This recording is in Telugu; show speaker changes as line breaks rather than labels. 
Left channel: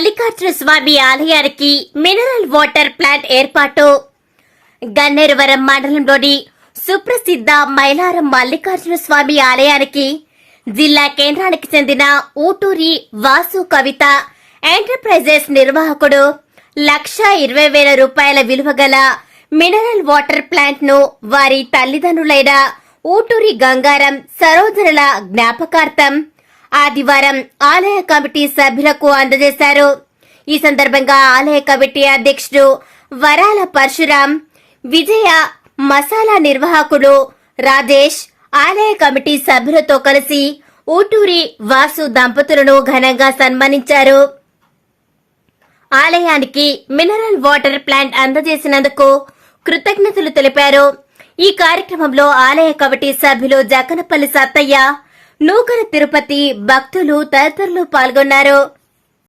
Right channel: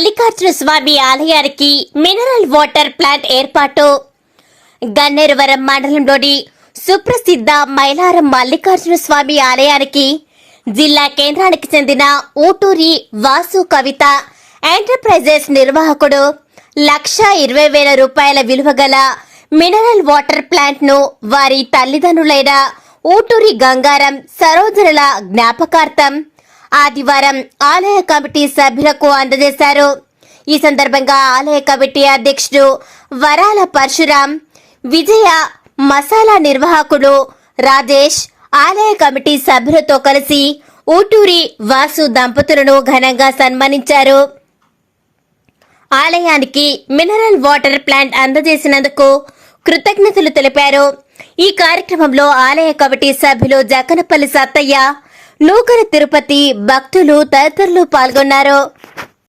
మల్లికార్జున స్వామి ఆలయానికి మినరల్ వాటర్ ప్లాంట్ ఏర్పాటు. గన్నేరువరం మండలంలోని సుప్రసిద్ధ మైలారం మల్లికార్జున స్వామి ఆలయానికి జిల్లా కేంద్రానికి చెందిన ఊటూరి వాసు కవిత ఎంటర్ప్రైజెస్ నిర్వాహకుడు లక్ష ఇరవై వేల రూపాయల విలువ గల మినరల్ వాటర్ ప్లాంట్ను వారి తల్లిదండ్రులైన ఊటూరి గంగారం సరోజనుల జ్ఞాపకార్థం ఆదివారం ఆలయ కమిటీ సభ్యులకు అందజేశారు. ఈ సందర్భంగా ఆలయ కమిటీ అధ్యక్షుడు వరాల పరశురాం విజయ మసాలా నిర్వాహకుడు రాజేష్ ఆలయ కమిటీ సభ్యులతో కలిసి ఊటూరి వాసు దంపతులను ఘనంగా సన్మానించారు. ఆలయానికి మినరల్ వాటర్ ప్లాంట్ అందజేసినందుకు కృతజ్ఞతలు తెలిపారు. ఈ కార్యక్రమంలో ఆలయ కమిటీ సభ్యులు జకనపల్లి సత్తయ్య నూకర తిరుపతి భక్తులు తదితరులు పాల్గొన్నారు.